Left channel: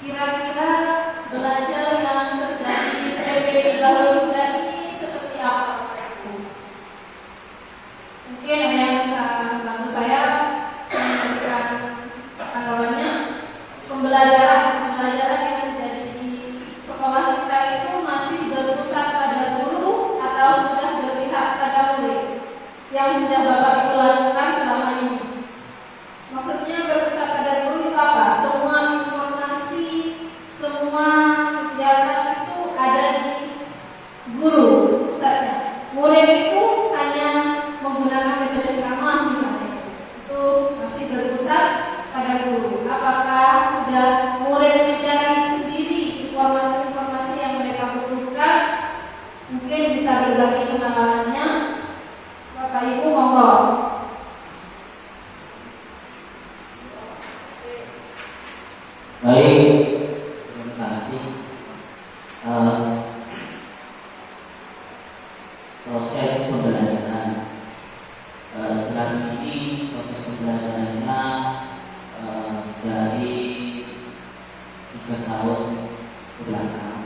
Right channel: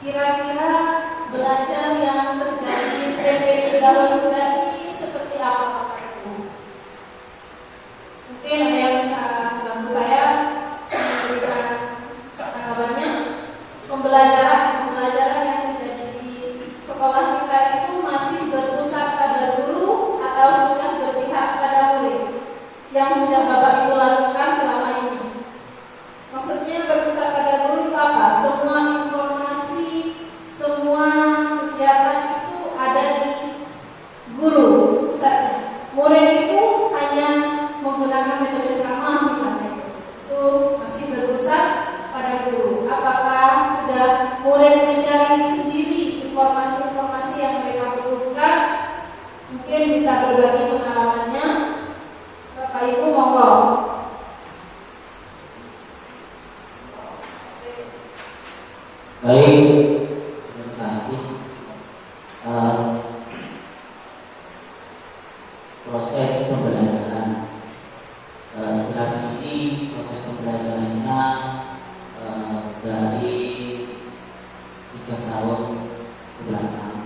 Kira-kira belajar yang terjadi SMP dahulu tadi seperti apa? Mungkin ada yang bisa bantu saya memberikan tanggapannya. Pembelajaran yang terjadi di sekolah kita itu masih berpusat pada guru atau sudah berpihak pada murid yang sudah Bapak Ibu lakukan selama ini? Maksudnya berpusat pada guru itu apa? Semua informasi, semua kegiatan itu ada di guru pusatnya. Murid itu hanya menggunakan metode ceramah misalnya, itu masih berpusat pada guru. Apakah sudah murid mencari sendiri informasi-informasi yang mereka butuhkan? Mungkin bisa berbagi pengalamannya. Bapak Ibu monggo. Baik, terima kasih. Proses pembelajaran selama ini proses pembelajarannya dari 3 tahun ke belakang,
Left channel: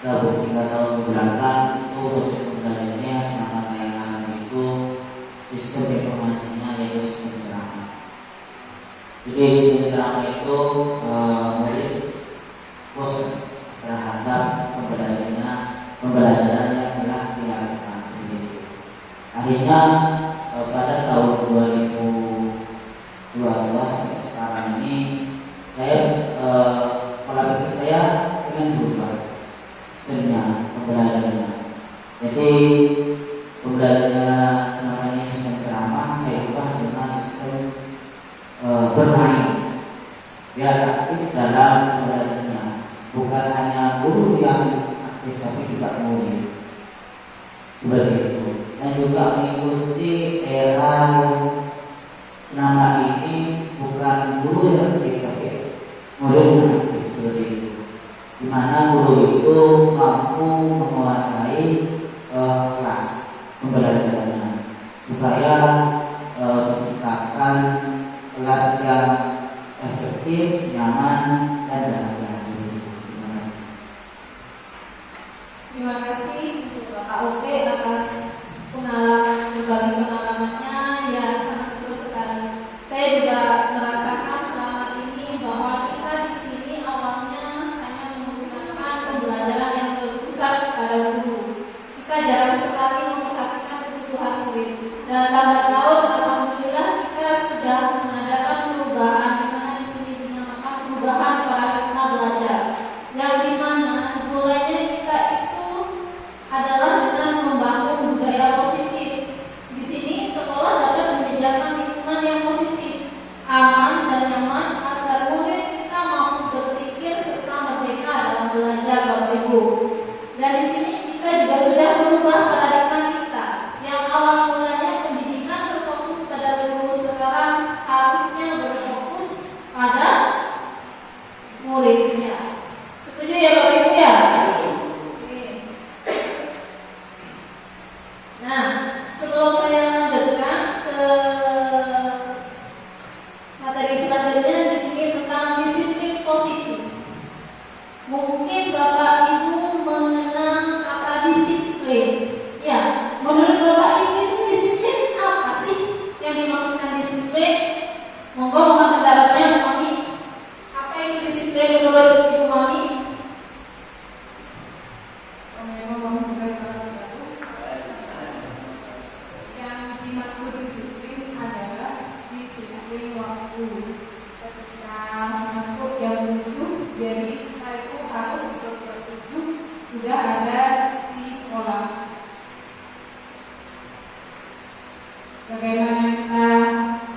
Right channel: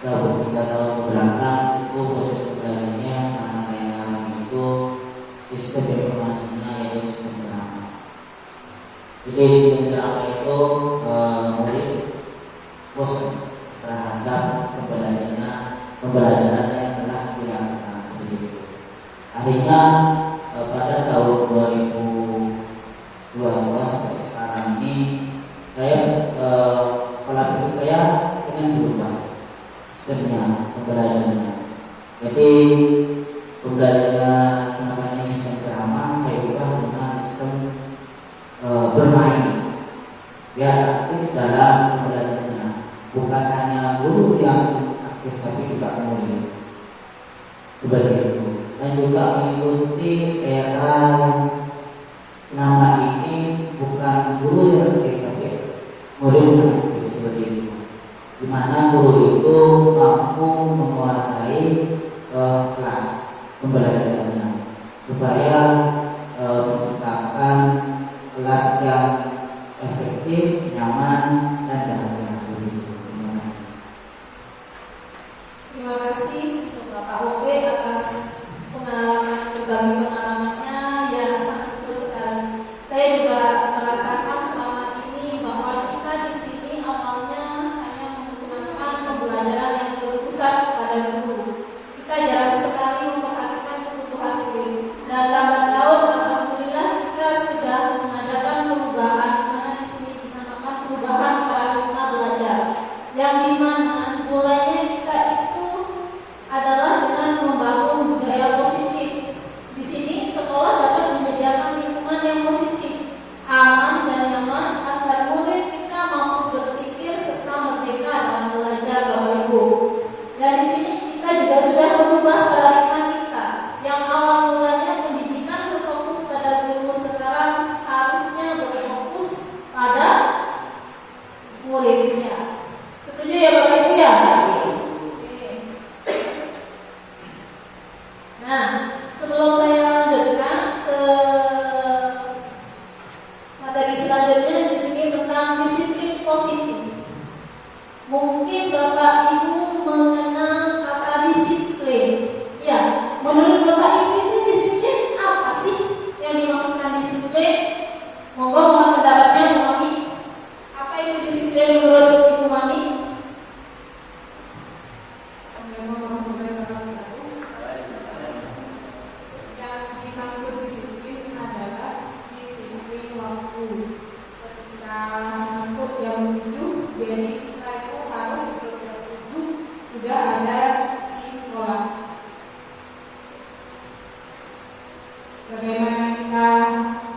3 tahun ke belakang itu proses pembelajarannya sama saya alami itu sistem informasinya yaitu sistem ceramah. Jadi sistem ceramah itu murid bosan terhadap pembelajaran yang telah dilakukan. Akhirnya pada tahun 2012 sampai sekarang ini saya pola pikir saya dengan berubah sistemnya pembelajarannya. Jadi pembelajaran selama ini sistem ceramah saya ubah dengan sistem bermain, biar aktif dalam pembelajarannya. Bukan hanya guru yang aktif, tapi juga murid. Seperti itu. Dan juga mengikuti era yang nama ini bukan guru yang aktif, tapi murid yang aktif, seperti itu. Di mana guru itu mampu menguasai kelas pembelajarannya supaya menciptakan kelas yang efektif, nyaman, dan berhasil. Terima kasih untuk Bapak OP atas berbagi pengalamannya yang sangat betul sekali. Saya juga merasakan selama ini bahwa kita di sini awalnya hanya menggunakan pembelajaran yang berpusat pada guru. Kita jarang sekali memperhatikan kebutuhan murid. Dan lambat laun alhamdulillah kita sudah mengadakan perubahan, di mana di sini dinamakan perubahan paradigma belajar, yang dimana mulainya kita itu adalah dengan membangun budaya positif. Di sini sekolah dapat menyediakan lingkungan yang positif, aman dan nyaman agar murid kita mampu berpikir serta merdeka dalam belajar, Bapak Ibu. Dan di sini kita juga sudah merubah paradigma kita yang awal mulanya pendidikan berfokus pada guru, sekarang harusnya berfokus pada muridnya. Setuju ya Bapak Ibu ya? Nah, sebelum saya lanjutkan ke materi selanjutnya, di sini tentang disiplin positif. Mungkin Bapak Ibu mengenal kata disiplin. Ya, menurut Bapak Ibu itu disiplin apa sih yang dimaksudkan disiplin? Monggo mohon pendapatnya Bu Mami. Apa itu disiplin menurut Ibu Mami? Yang dimaksud disiplin adalah disiplin waktu. Ketika masuk jam 7, jadi kita itu harus jam 7 sudah ada di sekolah. Bagaimana kita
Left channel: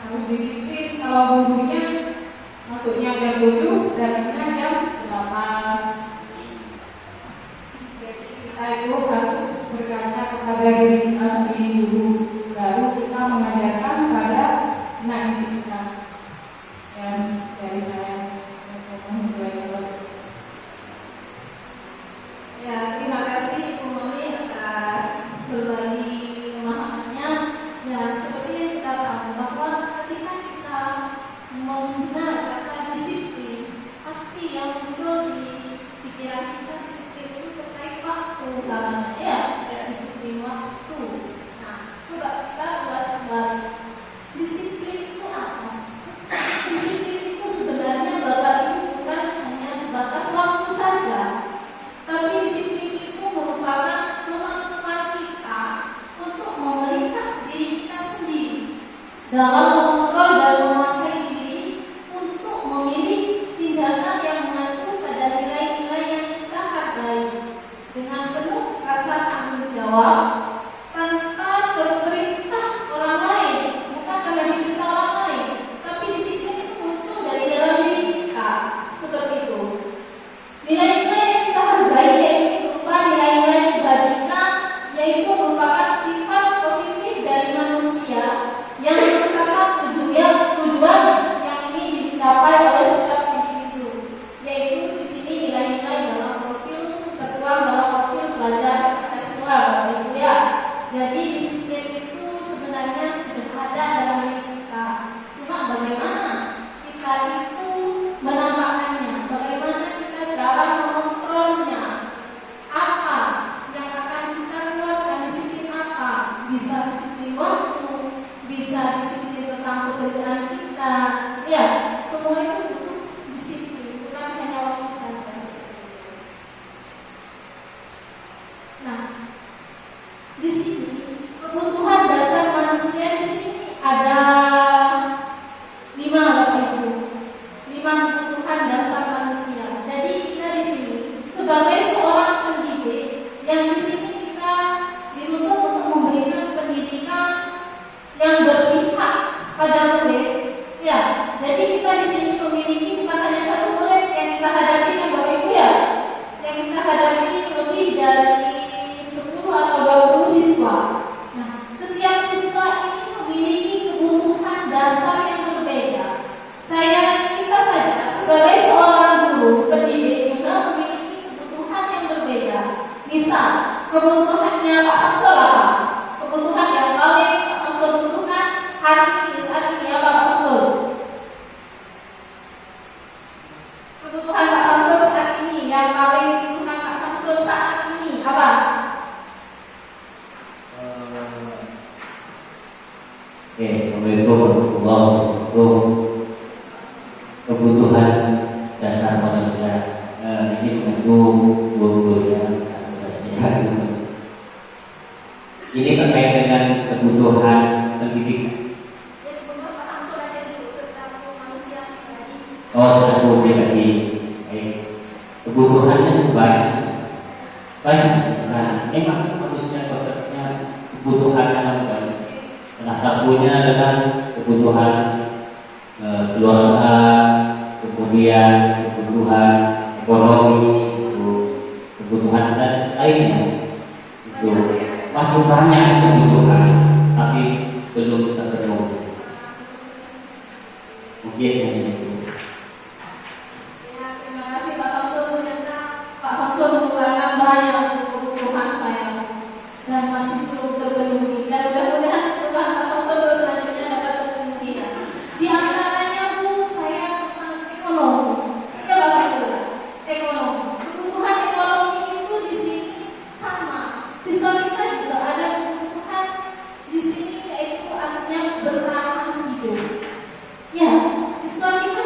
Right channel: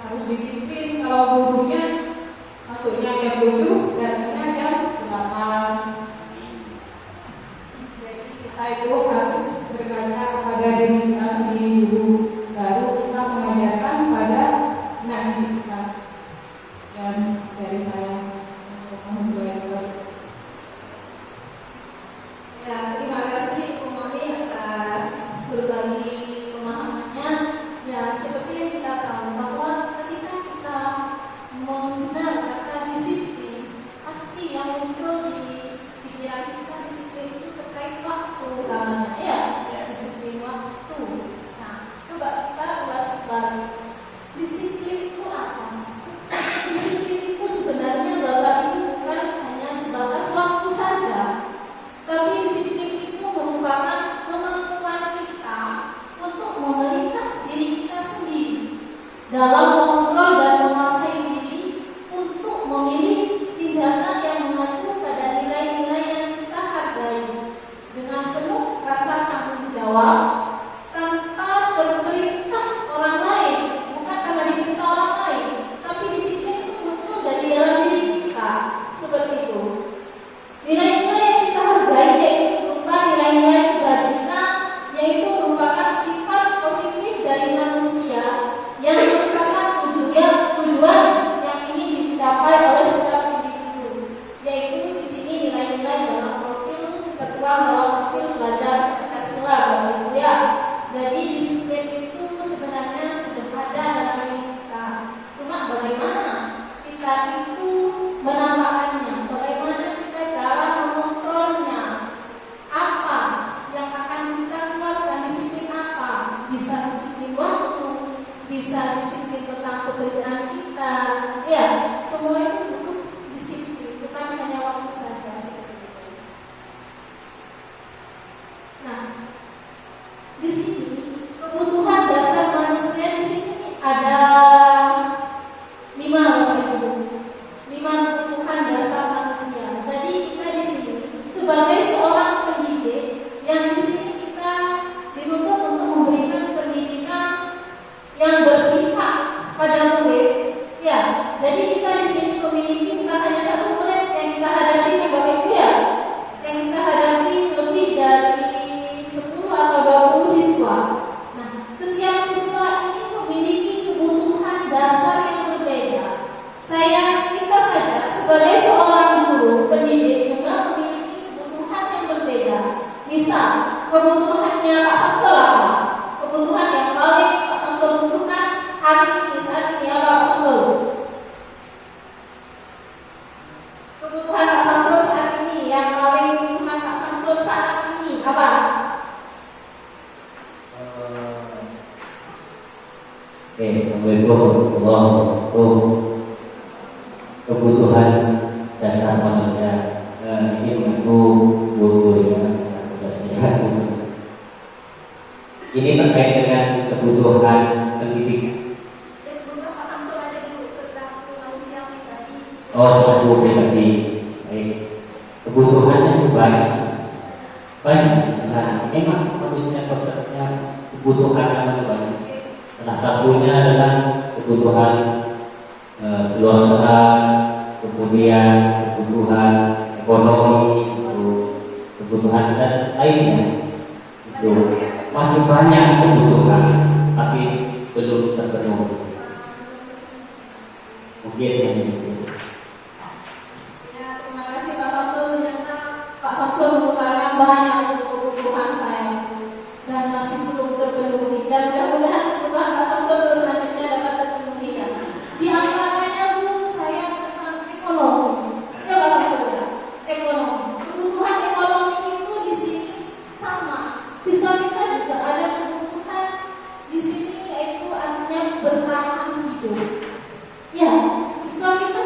harus disiplin kalau gurunya masuknya jam 7 dan jam 8. Jadi kita itu harus berkaca kepada diri kita sendiri dulu, baru kita mengajarkan pada anak kita. Dan dari saya untuk memulai. Ya, terima kasih Bu Mami atas berbagi pemahamannya. Ya, seperti yang kita tahu bahwa ketika kita mengenal kata disiplin, pasti yang pikiran kita disiplin itu terkait waktu namanya ya, disiplin waktu. Nah, coba kita ulas kembali. Disiplin itu apa sih? Disiplin itu sebenarnya Bapak Ibu bukan hanya sebatas waktu saja, tapi disiplin itu merupakan kemampuan kita untuk memerintah diri kita sendiri dalam mengontrol dan menguasai diri untuk memilih tindakan yang mengacu pada nilai-nilai yang kita hargai dengan penuh rasa tanggung jawab tanpa berperintah orang lain, bukan karena diperintah orang lain, tapi disiplin itu muncul dari dalam diri kita seperti itu. Nilai-nilai yang kita hargai yaitu berupa nilai-nilai kebajikan, yaitu merupakan sifat positif dari manusia yang merupakan tujuan yang ingin dicapai oleh setiap individu, yaitu di sini nilai-nilai dalam profil tertuang dalam profil belajar Pancasila, Bapak Ibu ya. Jadi disiplin itu sebenarnya sudah ada dalam diri kita. Cuma bagaimana kita itu menampakkannya, bagaimana kita cara mengontrolnya, apa yang akan kita keluarkan, disiplin apa? Bisa disiplin waktu, bisa disiplin tentang pekerjaan kita, ya semua itu butuh disiplin, bukan hanya waktu saja. Nah, di sini kebutuhan dasar manusia di sini ada 5 Bapak Ibu. 5 kebutuhan dasar manusia. Jadi kita di sini sebagai seorang pendidik yang di sini kita dituntut untuk memberikan pendidikan yang berpihak pada murid. Ya, jadi kita di sini memiliki bukan hanya satu murid yang kita hadapi Bapak Ibu ya, yang kita hadapi lebih dari 10 atau 20 siswa. Nah, setiap siswa ini memiliki kebutuhan dasar yang berbeda. Kita saja sebagai seorang guru pendidik juga memiliki kebutuhan yang berbeda. Misal, kebutuhannya Pak Samsul apa? Kebutuhan yang paling Pak Samsul butuhkan hari ini saat ini apa Pak Samsul? Kebutuhan Pak Samsul saat ini, yang paling kebutuhan Pak Samsul saat ini apa? Assalamualaikum warahmatullahi wabarakatuh. Kebutuhan dasar manusia ini mengenai guru ya, tugasnya. Ini terkait dengan kebutuhan pendidik. Oh, satu pribadi. Baik. Kebutuhannya itu banyak. Nah, memang manusia bekerja kebutuhan yang banyak. Salah satunya adalah kebutuhan keluarga, kemudian kebutuhan ekonomi, kebutuhan dan lainnya. Itu masih banyak kebutuhan, tapi belum terpenuhi. Mungkin itu. Ya, terima kasih Pak Samsul. Ternyata Pak Samsul mengutarakan banyak kebutuhan saya dan masih belum terpenuhi. Dan mudah-mudahan kebutuhan Pak Samsul selanjutnya dapat terpenuhi. Di antaranya Bu, saya tentang ekonomi. Ya Pak Samsul, ekonomi. Kebutuhan ekonomi itu di sini sama. Siswa kita juga ada kebutuhan di sini, yaitu artinya bertahan hidup. Ya, siswa kita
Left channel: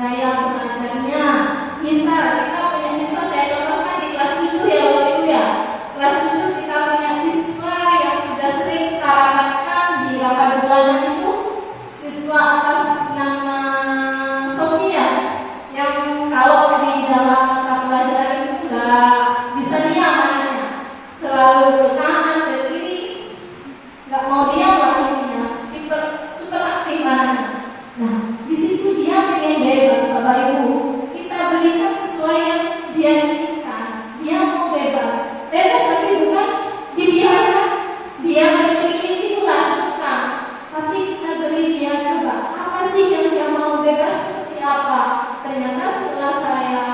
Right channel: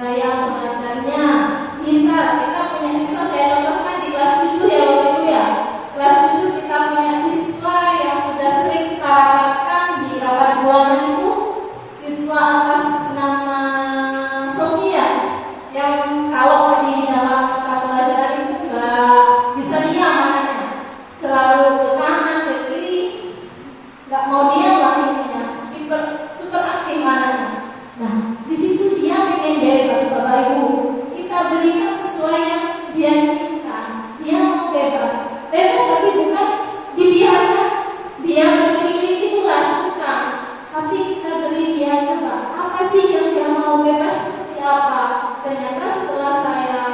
gaya pengajarnya. Misal kita punya siswa, saya contohkan di kelas 7 ya Bapak Ibu ya. Kelas 7 kita punya siswa yang sudah sering kita rapatkan di rapat bulanan itu, siswa atas nama Sofia, yang kalau di dalam mata pelajaran itu nggak bisa diam anaknya, selalu ke kanan ke kiri, nggak mau diam waktunya, super aktif anaknya. Nah, di situ dia pengen bebas Bapak Ibu. Kita berikan sesuai yang dia inginkan. Dia mau bebas, tapi bukan dibiarkan dia berkeliling itulah, bukan. Tapi kita beri dia coba apa sih yang dia mau bebas seperti apa. Ternyata setelah saya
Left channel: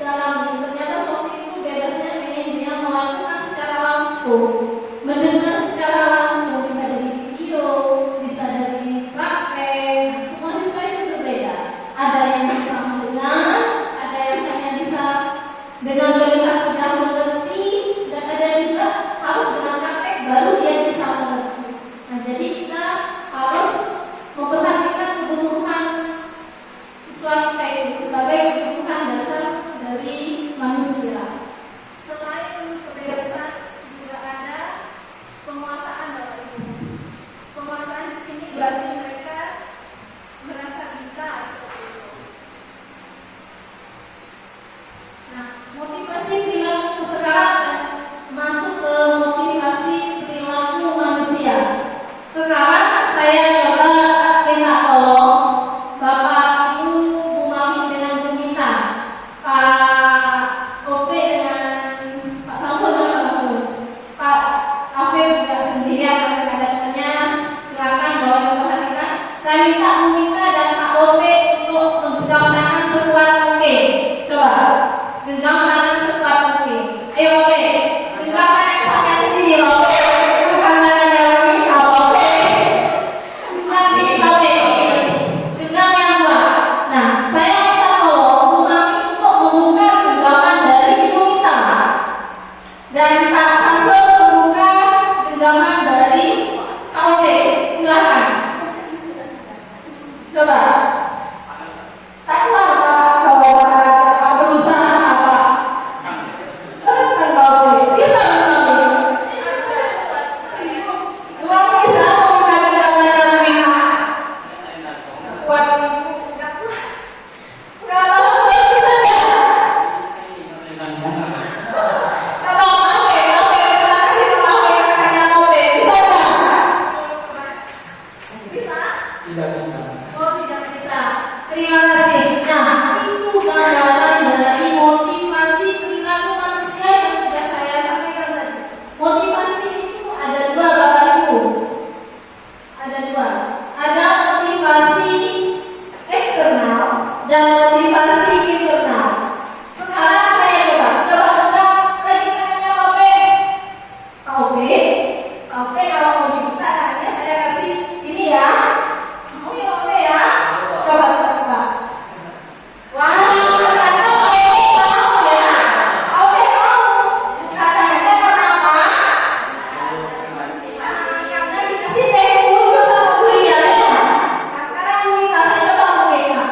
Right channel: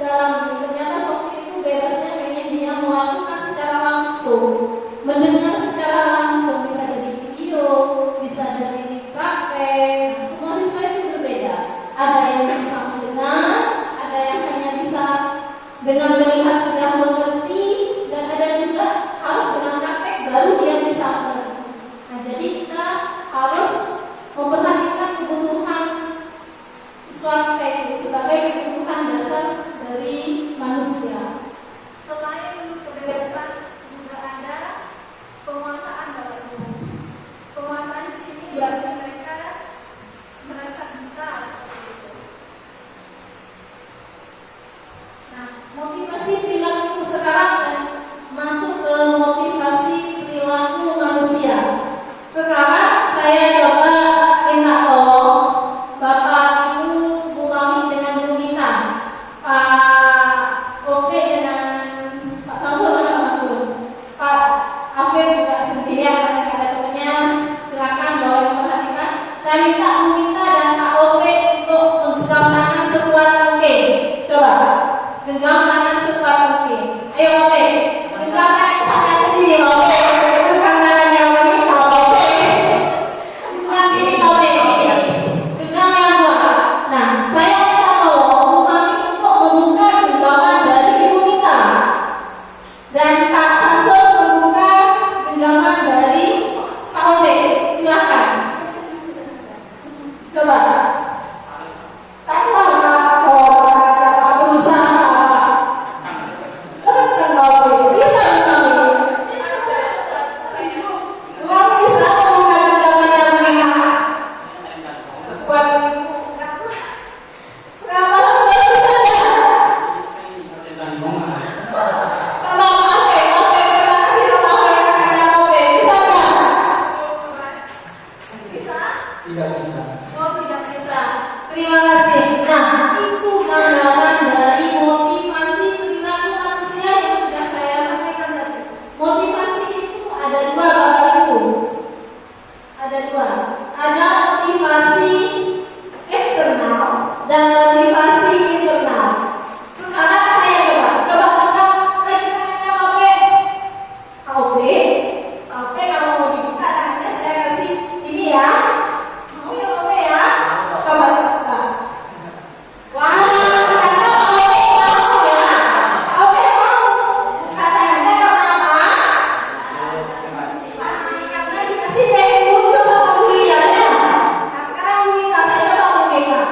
dalam, ternyata Sofi itu bebasnya pengen dia melakukan secara langsung, mendengar secara langsung, bisa dari video, bisa dari praktek. Semua siswa itu berbeda. Ada yang bisa mendengar, ada yang hanya bisa dengan melihat sudah mengerti, dan ada juga harus dengan praktek baru dia bisa mengerti. Nah, jadi kita harus memperhatikan kebutuhan siswa kita itu sebagai kebutuhan dasar dari manusia. Selain kebebasan juga ada penguasaan Bapak Ibu. Penguasaan di sini berarti mereka merasa bisa seperti itu. Nah, motivasi perilaku sekarang dan masuk ke motivasi perilaku manusia. Sekarang saya coba minta tolong Bapak Ibu, Bu Mami dengan Bu Mita, Pak Ope dengan Pak Samsul dan Pak Samsul, Pak Afif juga sendirian karena ada temannya. Silakan bawa memperhatikan. Saya minta Bu Mita dan Pak Ope untuk menggenggam tangan sekuat mungkin. Coba genggam tangan sekuat mungkin. Ayo Ope, genggam tangan sampai sedih Ope. Bukan tangannya Mami, Pak Ope. Genggam ini Ope. Genggam yang kuat. Nah, saya minta tolong Bu Mami untuk membuka genggaman dari Ibu Mita, dan Pak Samsul membuka genggaman dari Pak Ope. Silakan. Coba. Tak keluar Pak berusaha apa? Kan Pak Ope. Bisa Bu Mami. Bu Mami bisa membuka genggaman Ibu Mita. Kuat Ibu. Kalau saya bisa ya. Kalau Oke, terima kasih Pak Ope karena Ope bisa nggak? Bisa? Tidak bisa. Oh, tidak bisa. Terima kasih. Nah, itu gambaran dari motivasi perilaku manusia yang sudah saya sampaikan tadi. Motivasi itu ada dua Bapak Ibu. Ada dua. Ada motivasi eksternal dan motivasi internal. Sekarang saya coba tegak lagi tangannya Ope. Pak Ope, Pak Ope kalau mau dibuka tangannya saya kasih ini ya. Mau ya Ope ya? Coba. Wah, ternyata Ope mau ya. Ope mau buka tangannya karena apa? Karena dikasih tempo sama kuliah ya. Nah, sekarang Bu Mita, saya coba memegang.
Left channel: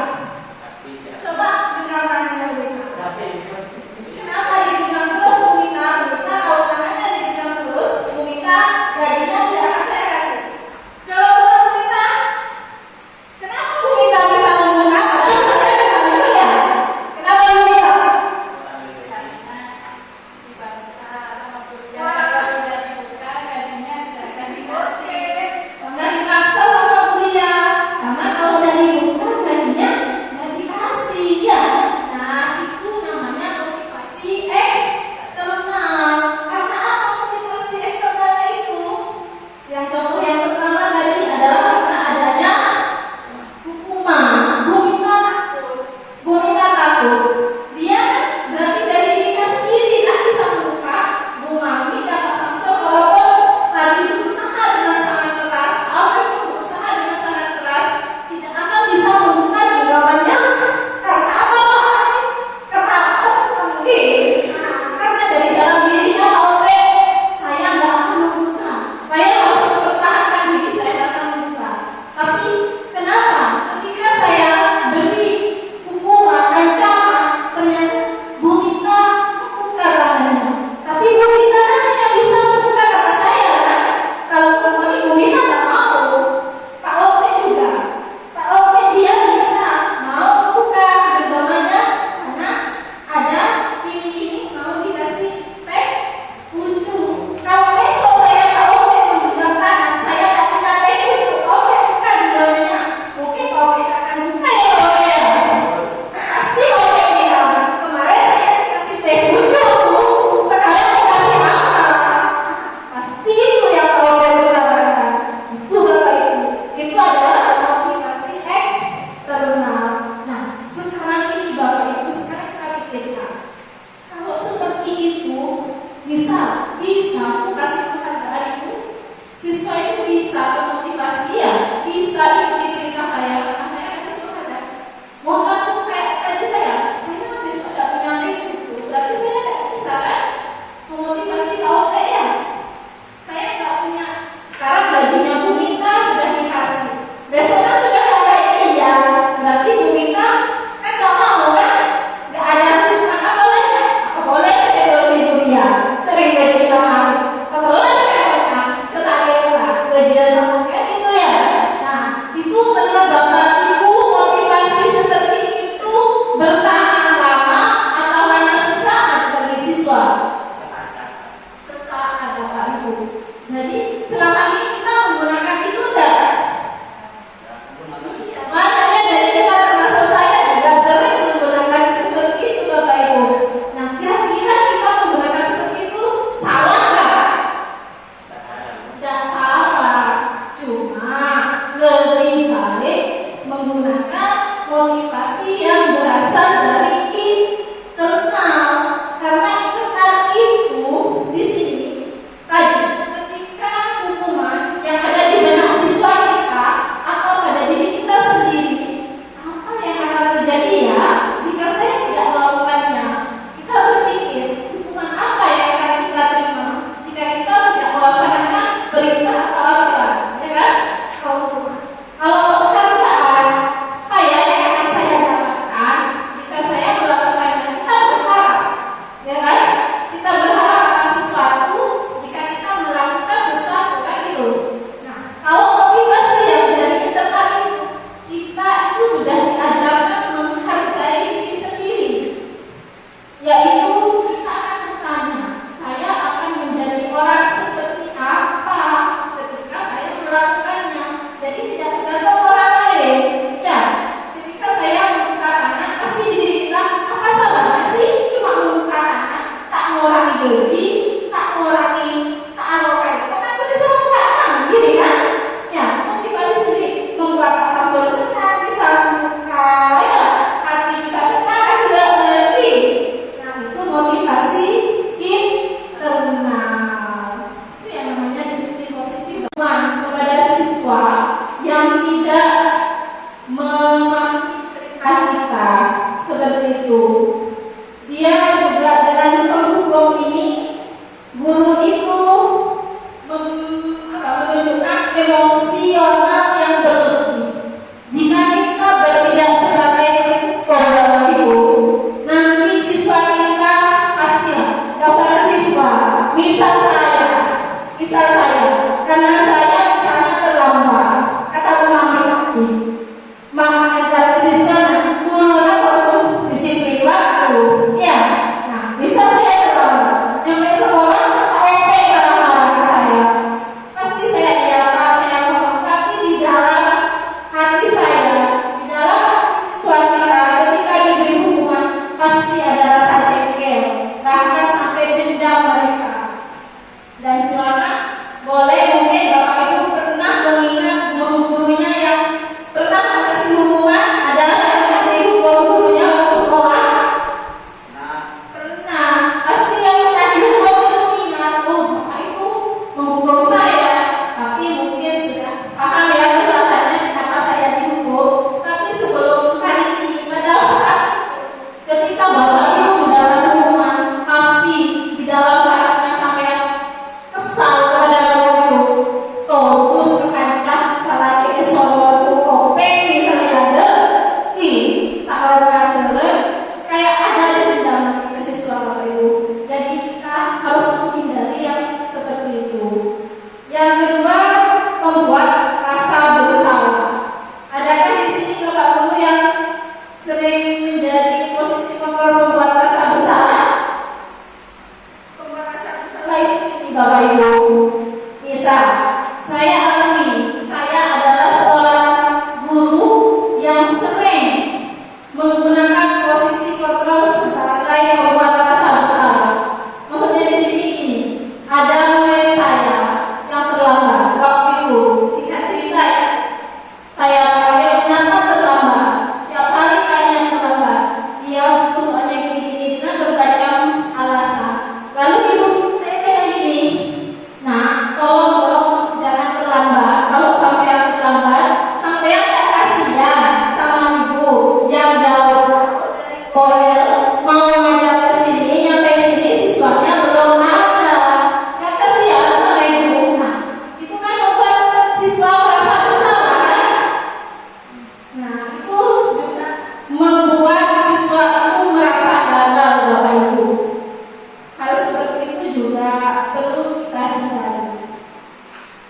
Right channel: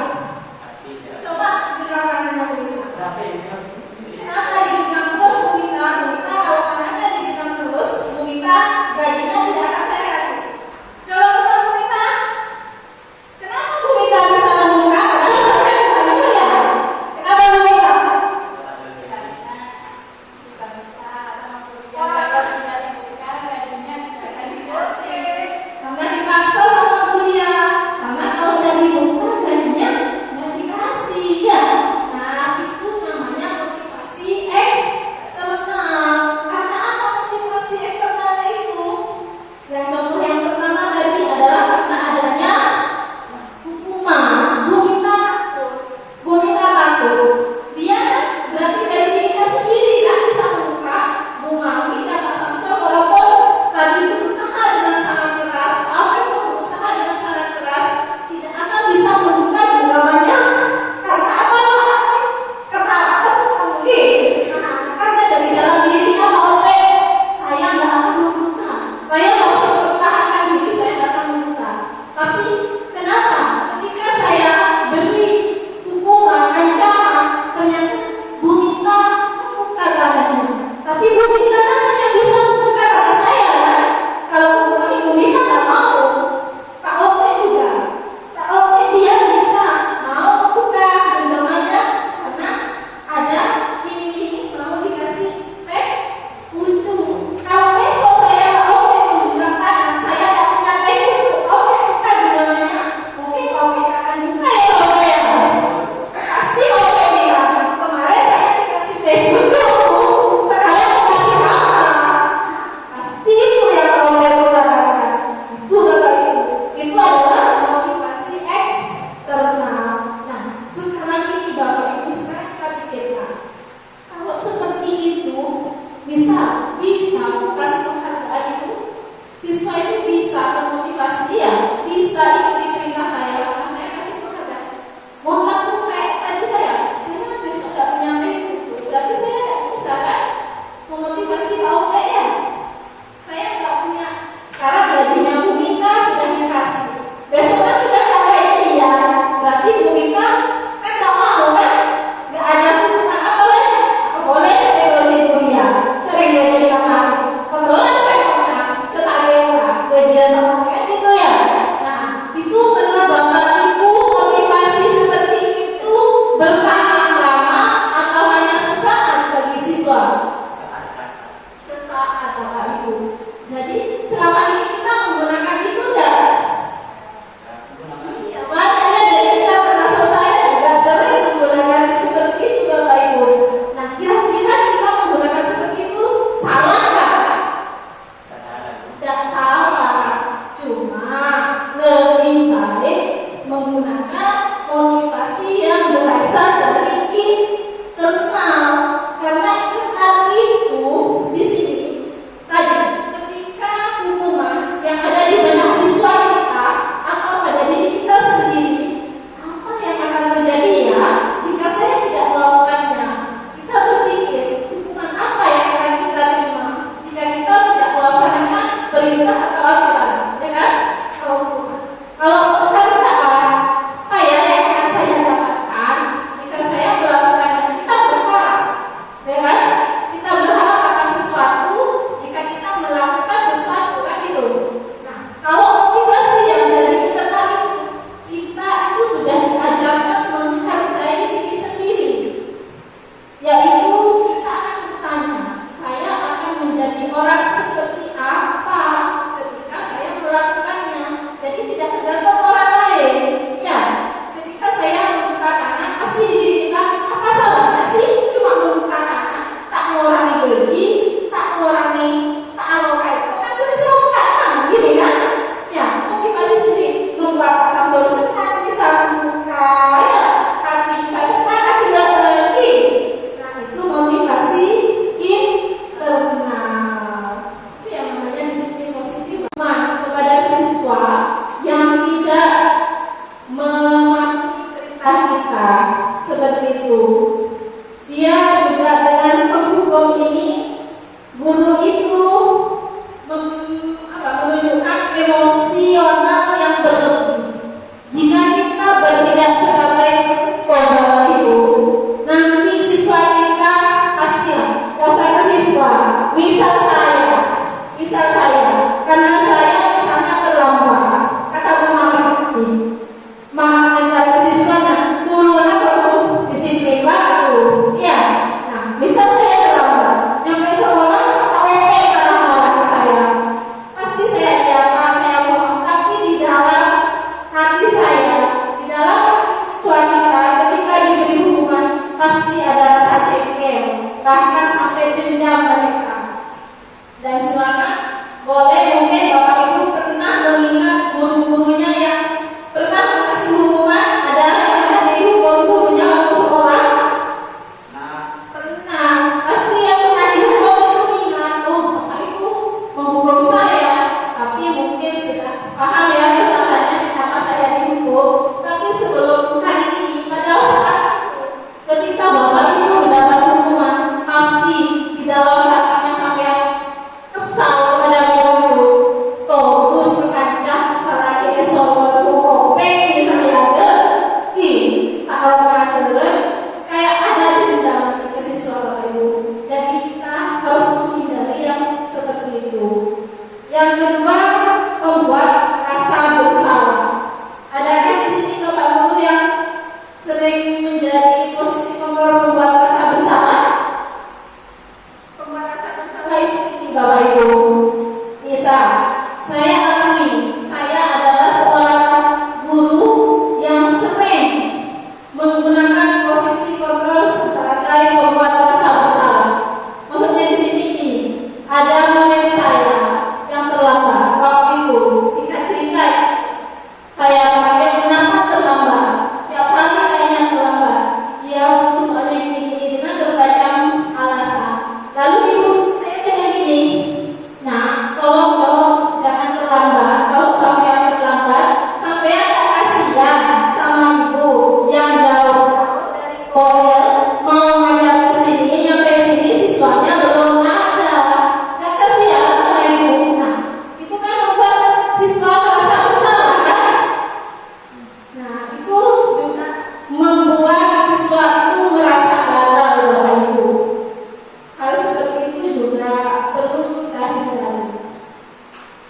sering menjadi posisi kontrol pembuat rasa bersalah? Pembuat rasa bersalah. Baik, ini Bapak Ibu. Misal, saya alami, saya adalah seorang guru yang sering menggunakan posisi kontrol sebagai pembuat rasa bersalah. Maksudnya di sini ini ada murid saya yang terlambat waktu itu. Singkat cerita, saya panggil kenapa terlambat. Tiap hari kalian terlambat. Dia buku soalnya gini-gini dengan berbagai alasan. Lalu ibu saya bilang gini, nah tolong dong jangan terlambat. Kalau sampai terlambat, sampai ada kasihan sama ibu yang jauh dari Koel mau ngajar ke sini, nyampe sini siswanya belum ada. Gak kasihan sama ibu. Nah, itu kan membuat siswa merasa bersalah kan? Nah, itu juga membuat siswa itu merasa gagal, Bapak Ibu. Hal seperti itu juga perlu kita hindari.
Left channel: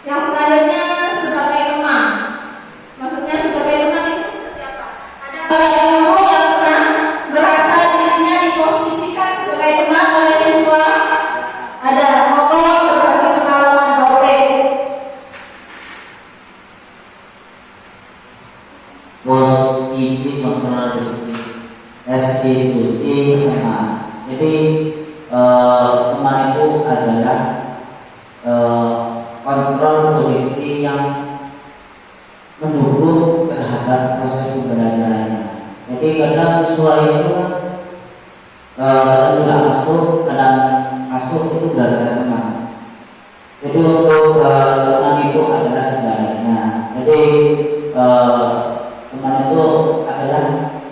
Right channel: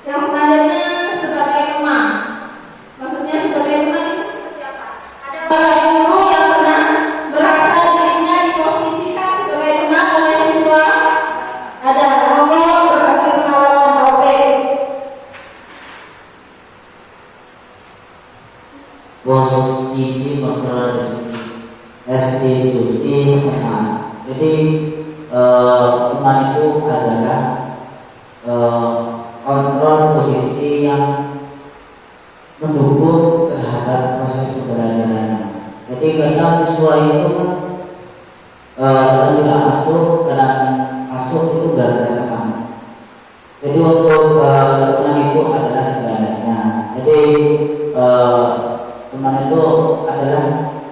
Yang selanjutnya sebagai teman. Maksudnya sebagai teman itu seperti apa? Ada para guru yang pernah merasa dirinya diposisikan sebagai teman oleh siswa. Ada, monggo berbagi pengalaman OP. Posisi kontrol restitusi teman. Jadi teman itu adalah kontrol posisi yang mendukung terhadap proses pembelajarannya. Jadi kadang siswa itu kadang tidak masuk itu gara-gara teman. Jadi untuk teman itu adalah segalanya. Jadi teman itu adalah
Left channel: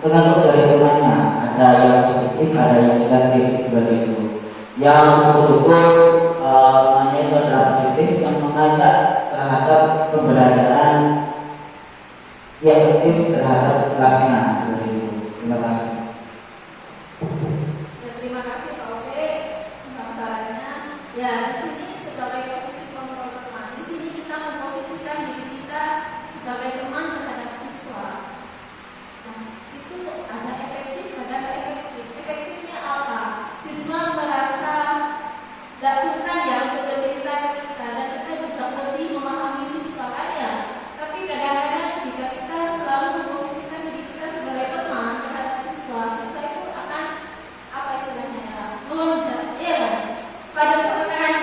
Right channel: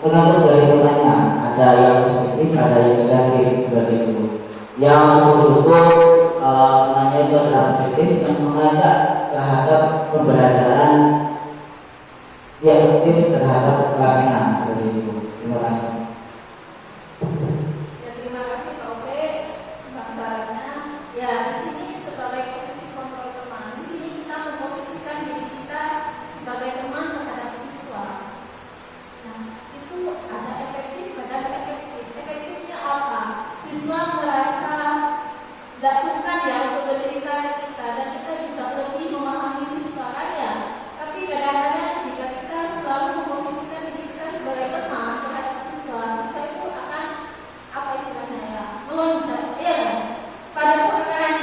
tergantung dari temannya. Ada yang positif, ada yang negatif seperti itu. Yang bersyukur temannya itu adalah positif yang mengajak terhadap pembelajaran yang aktif terhadap kelasnya seperti itu. Terima kasih. Ya, terima kasih Pak Ope pembahasannya. Ya, di sini sebagai posisi kontrol teman, di sini kita memposisikan diri kita sebagai teman terhadap siswa. Nah, itu ada efektif, ada tidak efektif. Efektifnya apa? Siswa merasa gak suka ya untuk bercerita ke kita, dan kita juga lebih memahami siswa kan ya. Tapi kadang-kadang jika kita selalu memposisikan diri kita sebagai teman terhadap siswa, siswa itu akan apa istilahnya ya, melonjak, ya pada suatu kan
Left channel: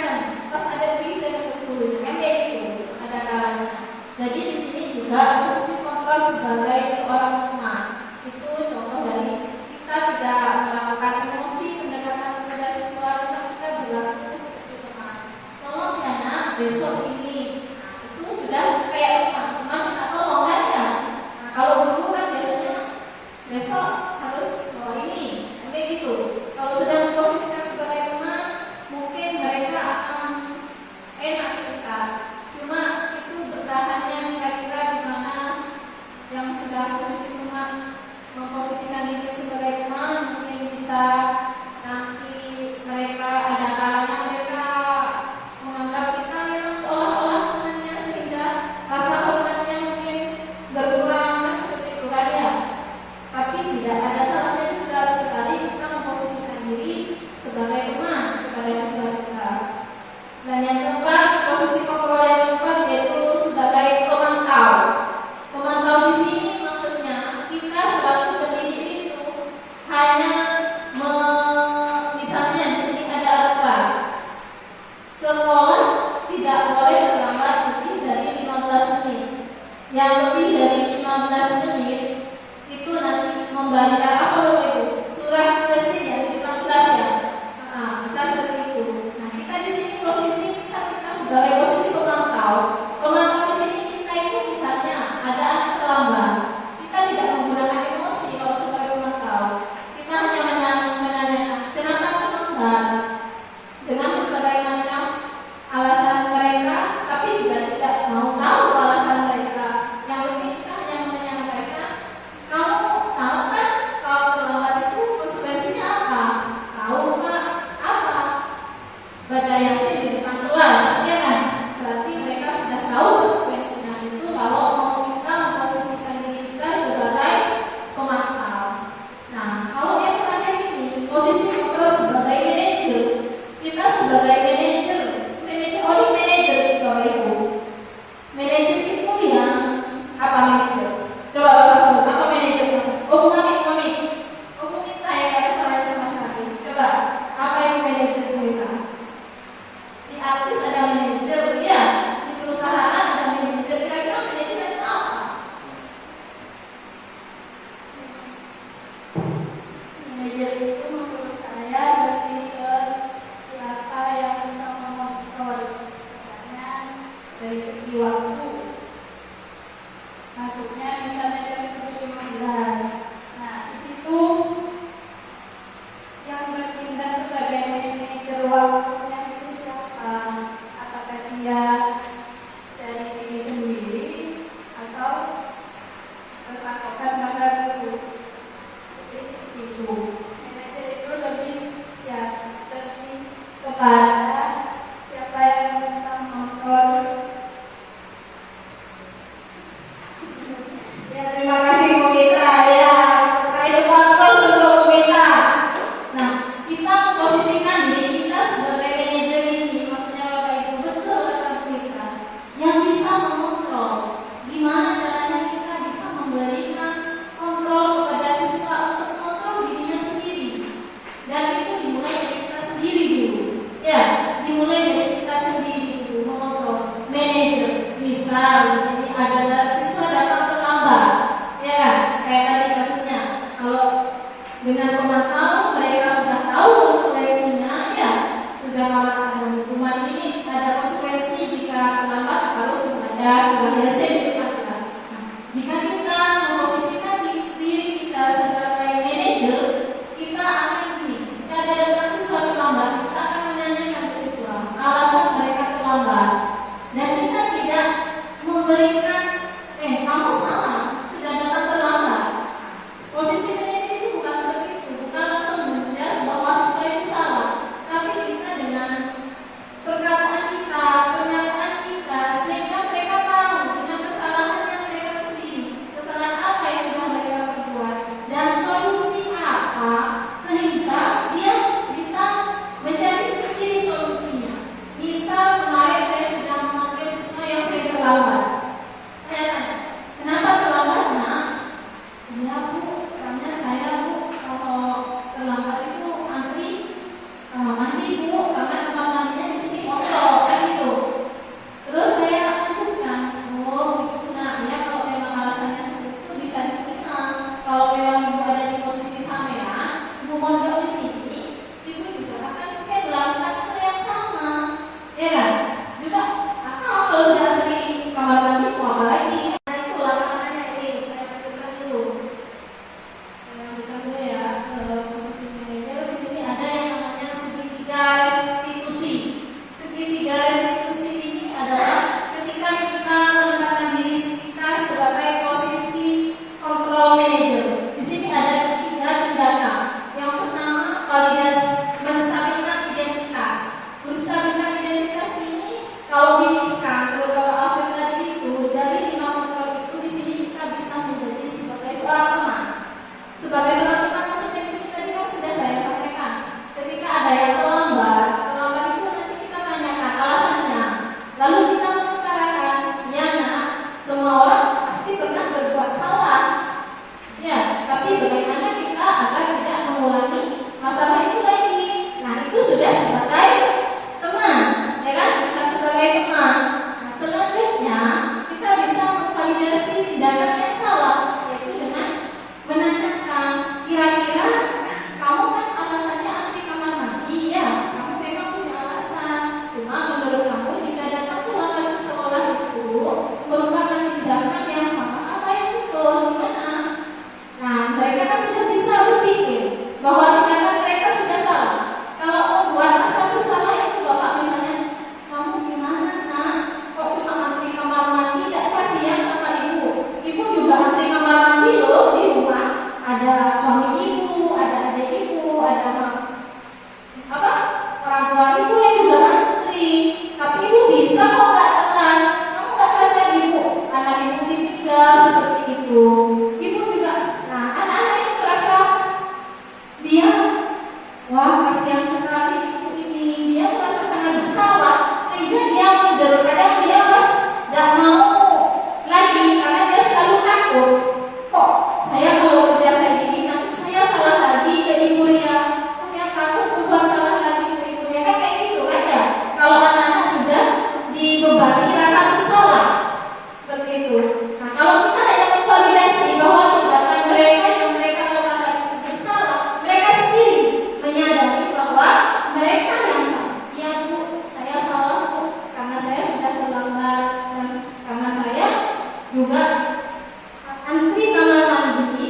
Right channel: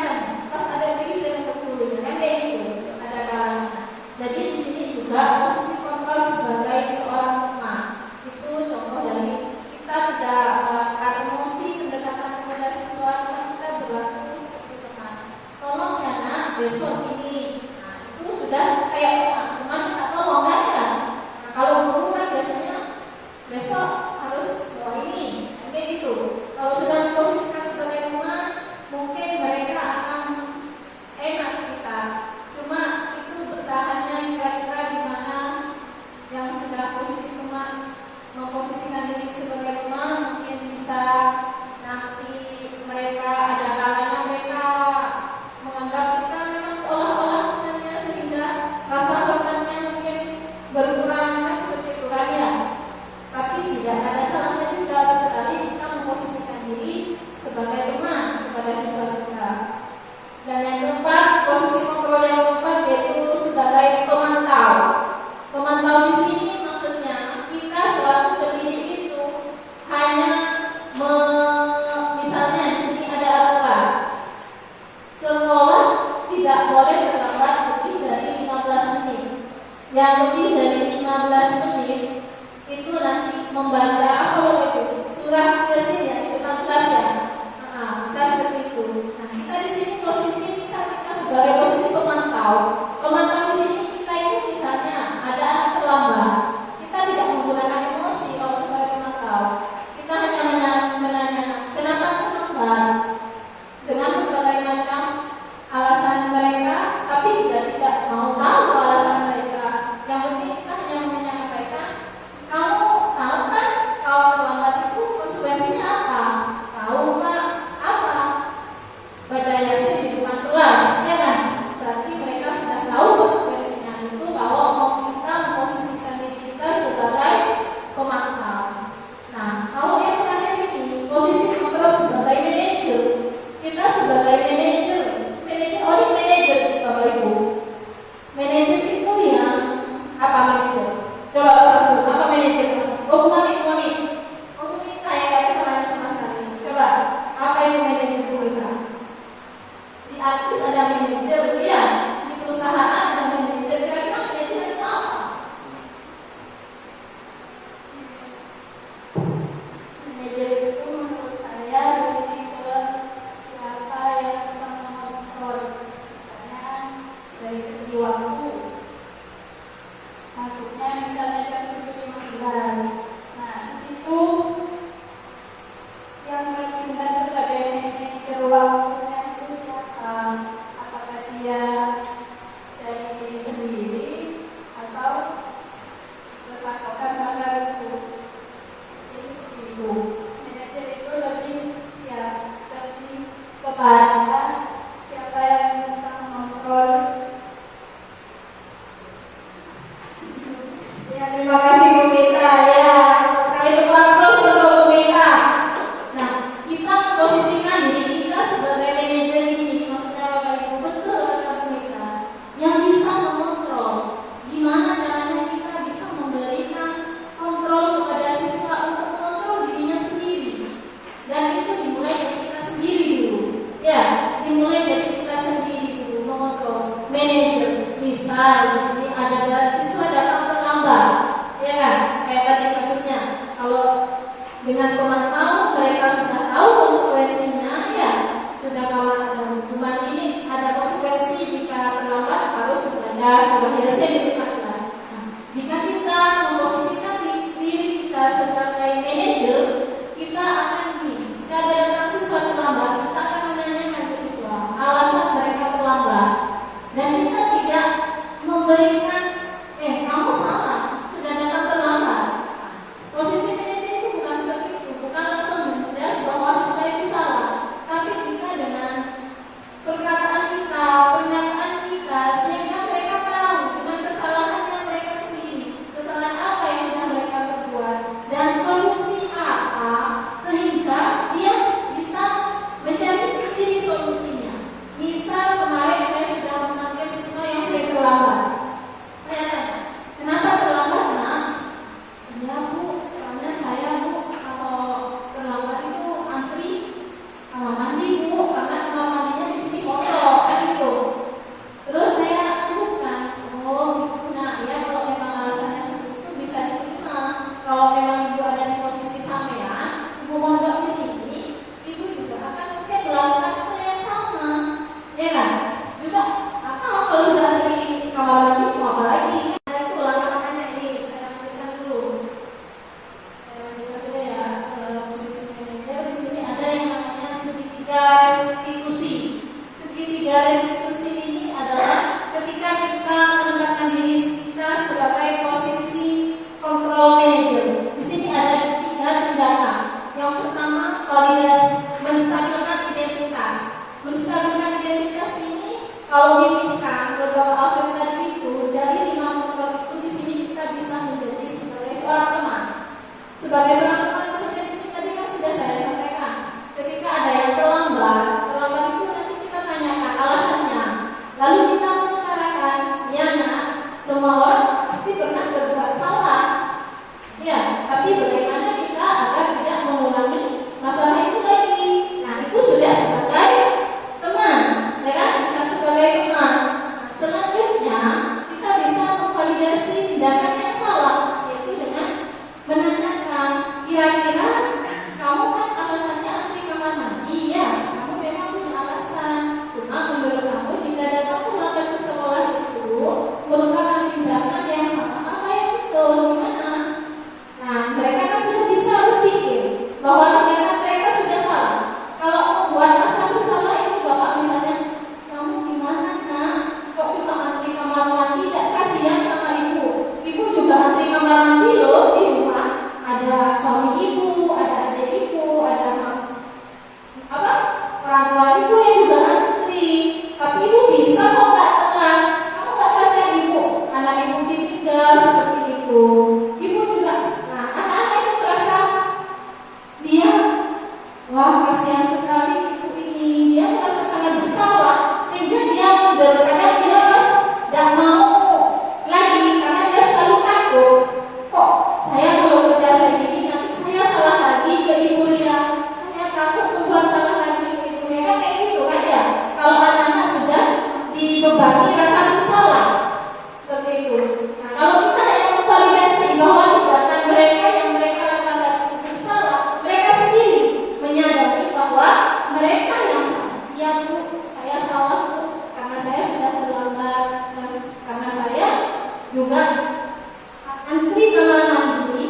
pas ada diri dan berkulunya kan kayak gitu, ada kalanya. Jadi di sini juga posisi kontrol sebagai seorang teman itu contoh dari kita tidak melakukan emosi pendekatan kepada siswa, kita berlaku seperti teman. Tolong ya nak, besok ini, nah, itu sudah kayak teman kita tolong kan ya. Nah, kalau guru kan biasanya besok harus bawa ini, kayak gitu. Kalau sudah diposisikan sebagai teman, mungkin mereka akan enak kita. Cuma itu bertahannya kira-kira di mana yang sudah posisi teman memposisikan diri sebagai teman, mungkin bisa nanti mereka ada kalanya mereka menganggap kita memang seolah-olah temannya, sehingga rasa hormatnya mungkin berkurang kan seperti itu kan ya. Tapi tidak ada salahnya juga sesekali kita memposisikan diri sebagai teman kepada siswa kita. Dan yang keempat, posisi kontrol yang keempat yaitu sebagai pemantau. Pemantau di sini maksudnya kita selalu pendidik itu hanya misalnya di sini ada aturan sekolah tidak boleh terlambat lebih dari 15 menit. Yang lebih dari 15 menit itu nanti membaca apa itu surat presiden yang 16 ya. Misal seperti itu. Nah, kita di sini posisi misal kita sebagai posisi pemantau. Pemantau di sini kita itu misalnya ada anak terlambat. Kita tidak menggunakan emosi kalau sebagai pemantau. Kita hanya menanyakan kenapa terlambat dengan berbagai macam alasan mereka, tapi juga tidak mau tahu alasan mereka. Yang penting kita hanya menyampaikan, kamu tahu kan Dengan teman tahu, mereka sudah tahu konsekuensinya, ya sudah kalau ada hukuman ini, ada konsekuensi jika terlambat harus belajar, sudah biasa dilakukan. Jika kita memposisikan diri kita sebagai manajer, kita akan gini, jika ada datang siswa terlambat, kita akan menanyakan ke siswa alasan mereka terlambat, dan kita tidak memberikan kamu salah, sudah datang terlambat. Posisi manajer itu bukan seperti itu, bukan langsung menjelas bahwa siswa itu salah, tapi kita dengan perkataan kita, pernyataan kita, sehingga mereka tahu dengan kesalahan yang mereka sendiri, kesalahan apa yang sudah mereka perbuat, dan solusi apa, sehingga dia bisa mencari sendiri solusinya. Misal kemarin saya sudah memanggil siswa yang sering terlambat. Saya tanya, kenapa terlambat, Nak? Ya Bu, soalnya saya Bu, kalau terlambat itu antri kamar mandi Bu, karena kamar mandinya di sini kosong, kan gitu. Terus saya lanjutkan, oh Bu, Nak, ya kalau memang alasannya seperti itu bisa diterima. Kalau memang Ibu ada di posisi sampean, Ibu mondok di sini, Ibu juga akan mungkin melakukan hal yang sama, ya kan? Juga apa kalau sudah antri kamar mandi, mau apa lagi? Nah itu laksanaannya ini, saya lanjutkan dulu. Ya, posisi manajer di sini ada yang namanya segitiga restitusi. Segitiga restitusi ini adalah ketika kita menempatkan diri kita sebagai posisi control manager. Di sini ada tiga tindakan. Yang pertama, menstabilkan identitas. Menstabilkan identitas ini kalau diliskan beberapa aspek tadi itu, dari 5 faktor itu di sini kita bisa menjadi sebagai seorang teman. Sebagai seorang teman, maksudnya di sini tadi kan sudah saya sampaikan. Ketika ada yang terlambat itu nanti kita tanyakan alasannya. Lalu kita mengutarakan, ya Nak, semua orang pasti pernah berbuat salah. Ya, tapi bagaimana kita agar tidak mengulangi masalah itu lagi? Nah, itu sudah sebagai teman, ya kan? Bisa sebagai teman. Nah, selanjutnya kita bisa memvalidasi tindakan yang salah, yaitu dengan menanyakan, kira-kira kamu kan alasannya antri kamar mandi, ya? Kamu memang punya alasan. Cuma menurut kamu jika datang terlambat ke sekolah itu merupakan tindakan yang sama apa yang betul, gimana? Nah, mereka kan sudah bisa berpikir bahwa tindakan mereka sudah salah. Kalau membuat satu salah itu bapak misalnya, kamu gimana Nak? Kok cuma antri kamar mandi, tidak kasihan sama ibu? Ibu juga antri kamar mandi loh di rumah. Ada suami ibu, ada adik ibu, ada orang tua ibu yang juga antri. Tapi ibu bisa kok nggak tenang. Kamu nggak kasihan ibu, anak ibu ditinggal seperti itu. Ibu juga, nah anak-anak itu merasa dia, wah kasihan sekali ibu ini. Dia merasa sangat bersalah sehingga dia mundur. Kadang dia pas nggak mau lagi karena dia selalu takut. Kok saya kalau kerja saya gini nanti saya salah lagi ke ibu Ria. Saya takut membuat salah lagi ke ibu Ria. Kan kayak gitu kan ya. Kalau anak-anak sudah dibebani rasa bersalah seperti itu. Nah kalau kita yang memvalidasi bahwa tindakan mereka yang mereka lakukan saat itu bersalah, mereka sendiri menyadari bahwa mereka yang salah. Ya Bu, saya salah Bu, karena saya sudah terlambat dan karena saya juga antri kamar mandi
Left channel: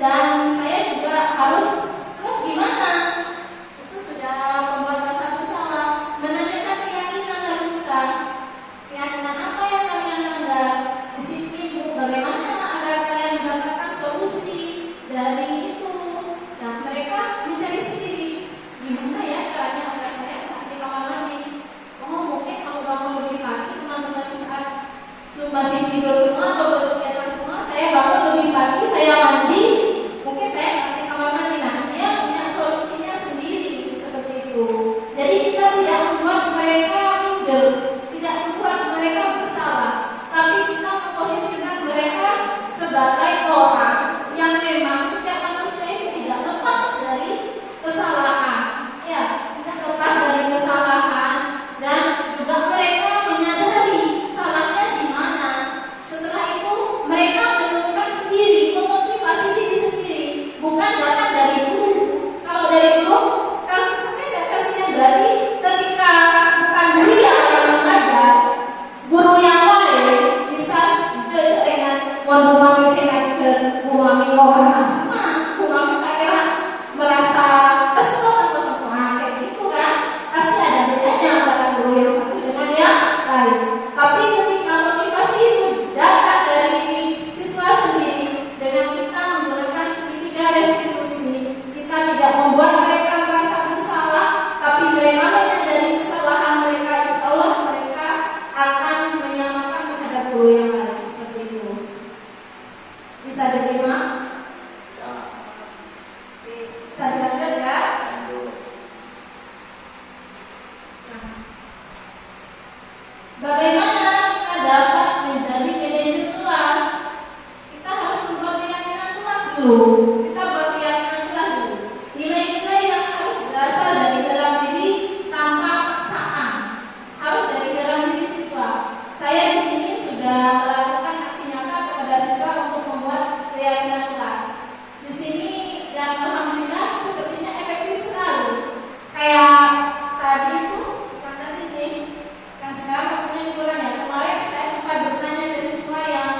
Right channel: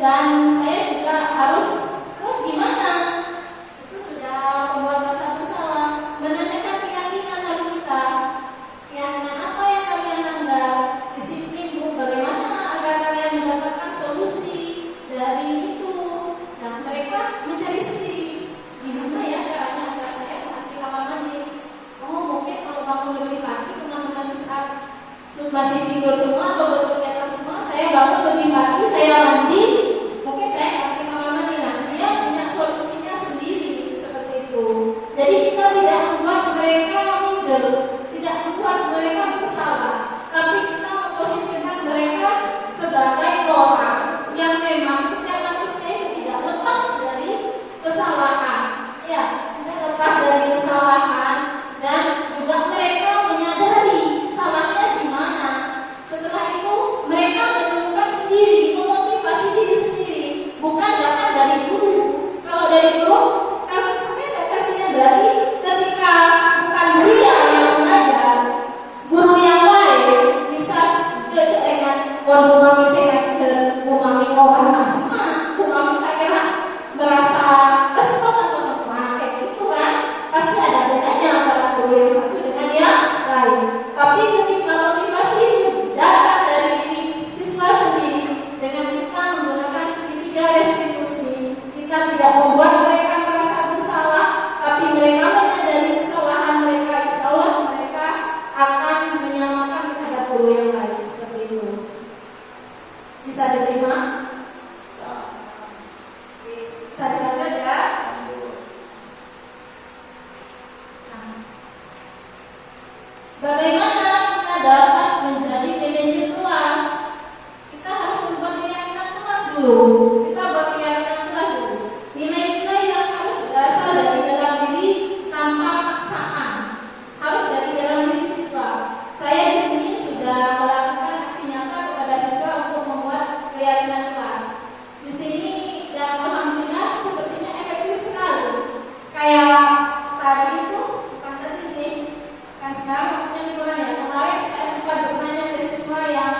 dan saya juga harus, terus gimana? Itu sudah membuat rasa bersalah. Menanyakan keyakinan dari kita, keyakinan apa yang kalian langgar, disiplin Bu, bagaimana agar kalian mendapatkan solusi dari itu. Dan mereka mencari sendiri, gimana ya caranya agar saya antri kamar mandi. Mungkin kalau bangun lebih pagi, teman-teman saat masih tidur semua atau bekerja semua, saya bangun lebih pagi, saya mandi, mungkin saya antri kamar mandi. Nah, dia punya solusinya sendiri seperti itu. Jadi kita tidak membuat mereka minder, tidak membuat mereka bersalah, tapi kita memposisikan mereka sebagai orang yang memang setiap manusia itu tidak lepas dari kesalahan, ya, tidak lepas dari kesalahan, dan juga mereka menyadari salahnya di mana. Setelah itu mereka menemukan ketika restitusi kita tidak membuat mereka merasa bersalah, tapi mereka menyadari kesalahan mereka, insya Allah mereka akan menyamakan terhadap guru yang lain. Seperti itu. Bisa diterima? Bisa dilanjut ya? Bagaimana kita dapat menjadi manajer kelas? Kita harus membuat keyakinan kelas dulu. Kita buat keyakinan kelas dulu. Nilai-nilai yang harus berasal dari dalam diri tanpa paksaan. Harus dari dalam diri siswa. Saya di sini sudah melakukan aksi nyata kepada siswa untuk membuat keyakinan kelas. Di sini dan alhamdulillah sepertinya efektif sekali. Kayak tadi itu, bukan tadi sih. Kan sekarang waktunya liburan ya. Kemarin saya sempat bertanya ke siswa yang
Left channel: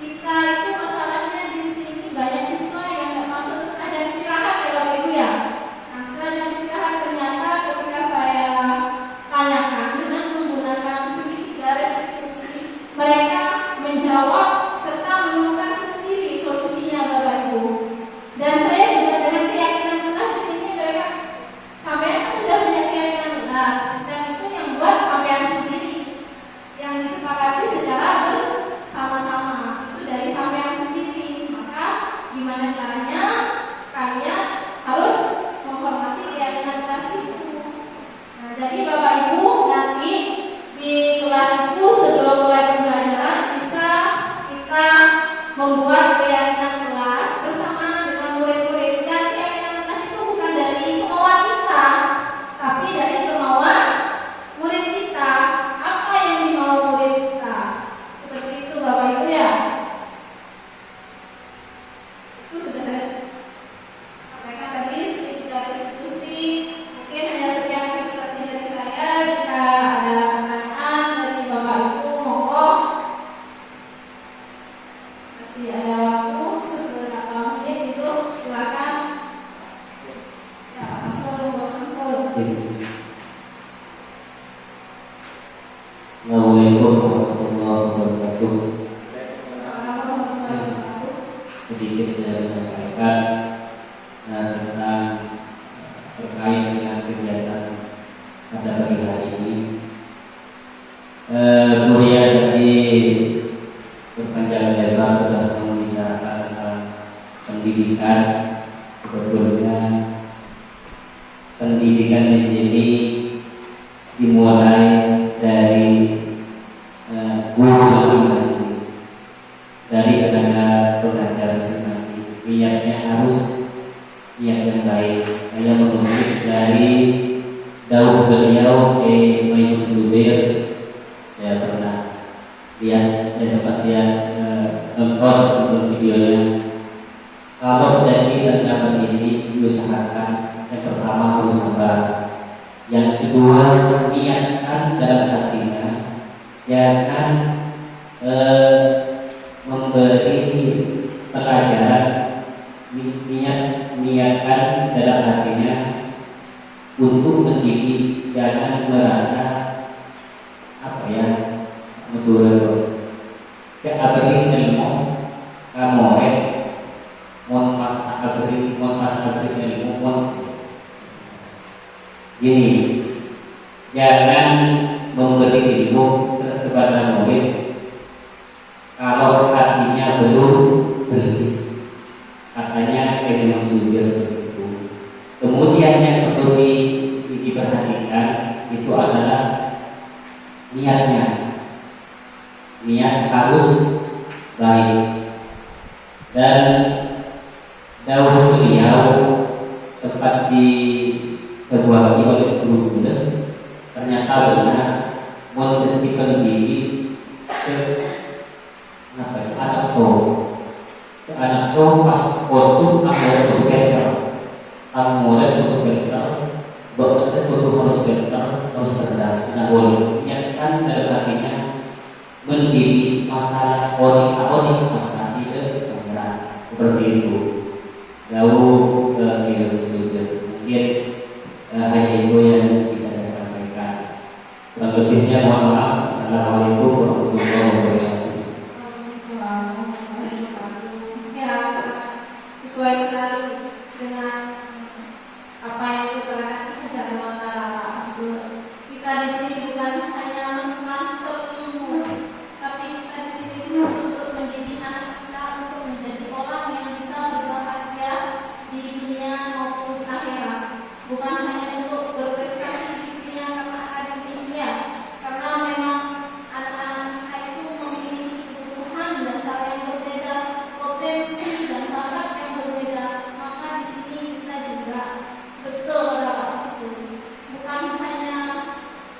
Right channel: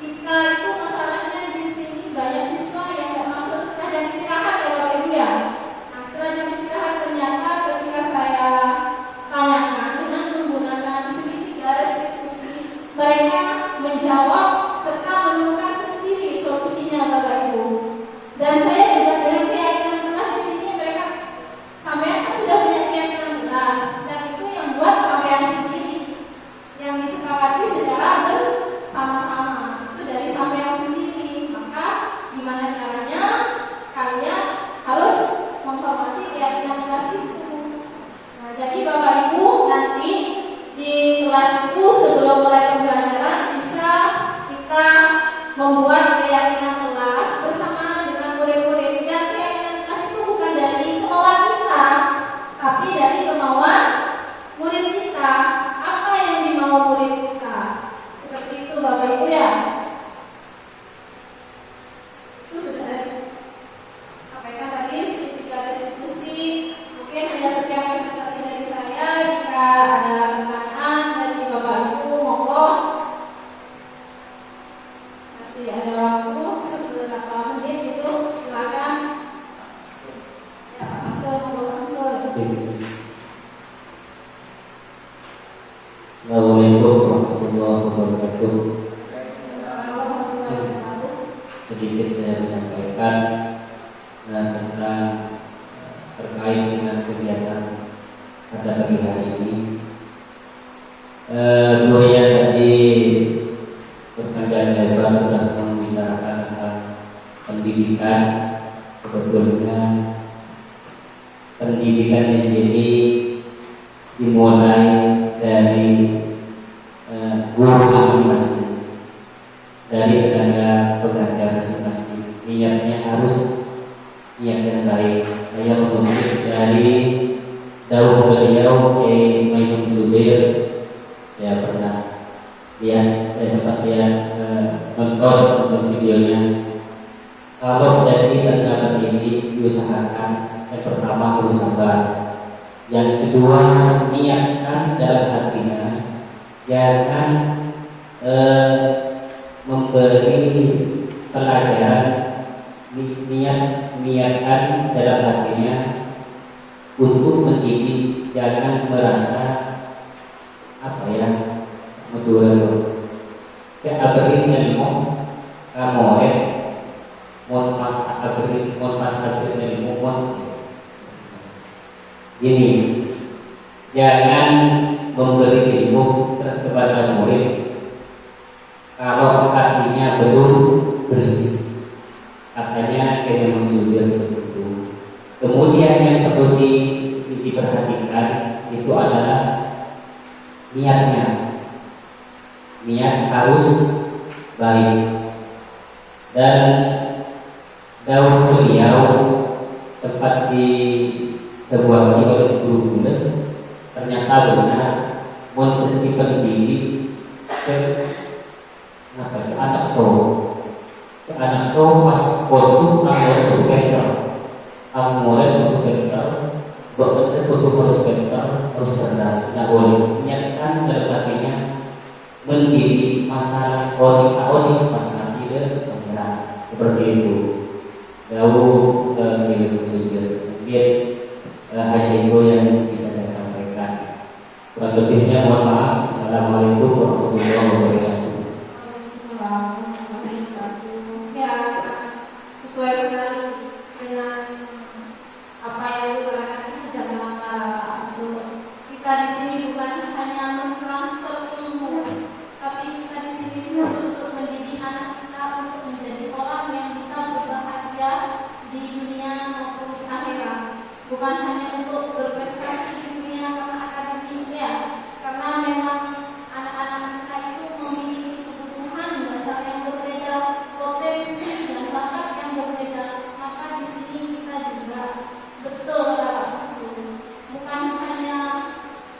kita itu masalahnya di sini banyak siswa yang nggak masuk setelah jam istirahat ya Bapak Ibu ya. Nah setelah jam istirahat ternyata ketika saya tanyakan dengan menggunakan segitiga restitusi, mereka menjawab serta menemukan sendiri solusinya Bapak Ibu. Dan saya juga dengan keyakinan kelas di sini mereka sampean kan sudah punya keyakinan kelas dan itu yang buat sampean sendiri yang disepakati secara bersama-sama itu dari sampean sendiri. Maka gimana caranya kalian harus menghormati keyakinan kelas itu. Nah jadi Bapak Ibu nanti di kelas itu sebelum mulai pembelajaran bisa kita membuat keyakinan kelas bersama dengan murid-murid. Dan keyakinan kelas itu bukan dari kemauan kita, tapi dari kemauan murid kita. Apa yang dimau murid kita? Seperti itu Bapak Ibu ya. Itu sudah saya sampaikan tadi segitiga restitusi. Mungkin hanya sekian presentasi dari saya. Jika ada pertanyaan dari Bapak Ibu, monggo. Masih ada waktu beberapa menit itu, silakan. Ya Pak Samsul, monggo Pak Samsul. Assalamualaikum warahmatullahi wabarakatuh. Sedikit saya menyampaikan tentang terkait dengan kegiatan pada pagi hari ini. Kemudian tadi berpanjang lebar sudah membicarakan tentang pendidikan. Sebetulnya pendidikan di sini dimulai dari guru masing-masing, dari tenaga pengajar masing-masing. Niatnya harus niat yang baik. Saya mengutip dari dawuh beliau Maimun Zubair. Saya pernah lihat, saya sempat lihat nonton videonya. Kalau dari tenaga pendidik diusahakan, yang pertama harus sabar. Yang kedua, niatkan dalam hatinya, jangan memberi pelajaran, niatkan dalam hatinya untuk mendidik, jangan merasa betul. Keabri ilmu kamoe, mon pas abri ilmu mon. Gini, jangan memberi ilmu kepada murid kalau hatinya belum bersih. Katanya Imam Zubair seperti itu. Kemudian yang perlu diperhatikan itu adalah niatnya. Niat harus baik. Dan dahulu beliau sempat di sebuah oleh guru muda, ternyata benar menjadi pendidik ke anak so pas waktu anggaran bekerja, dokter itu harus pintar, harus cerdas, tidak boleh niatkan dalam hatinya mendidik masalah orang masalah tidak benar seperti itu. Jauh ilmu juga mungkin hanya itu yang bisa saya sampaikan. Kurang lebihnya mohon maaf. Assalamualaikum warahmatullahi wabarakatuh. sesuai sekali dengan apa yang diterangkan dari mata Rasul. Kita di sini bukan hanya mentransfer ilmu, tapi kita di sini untuk mendidik anak kita untuk menjadi orang yang bisa berbahagia di dunia maupun di akhirat. Bukan hanya untuk berprestasi di dunia karena akademik ya, karena memang anak-anak kita itu memiliki kebutuhan dasar yang berbeda, potensi dan bakat yang berbeda. Maka di sini kita juga betul kata Pak Samsul, bukan hanya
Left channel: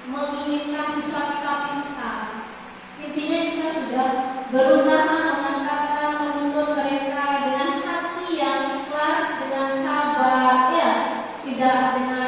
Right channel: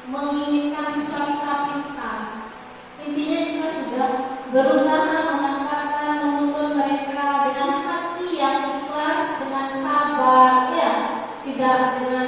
menginginkan siswa kita pintar. Intinya kita sudah berusaha mengantarkan, menuntun mereka dengan hati yang ikhlas, dengan sabar, ya, tidak dengan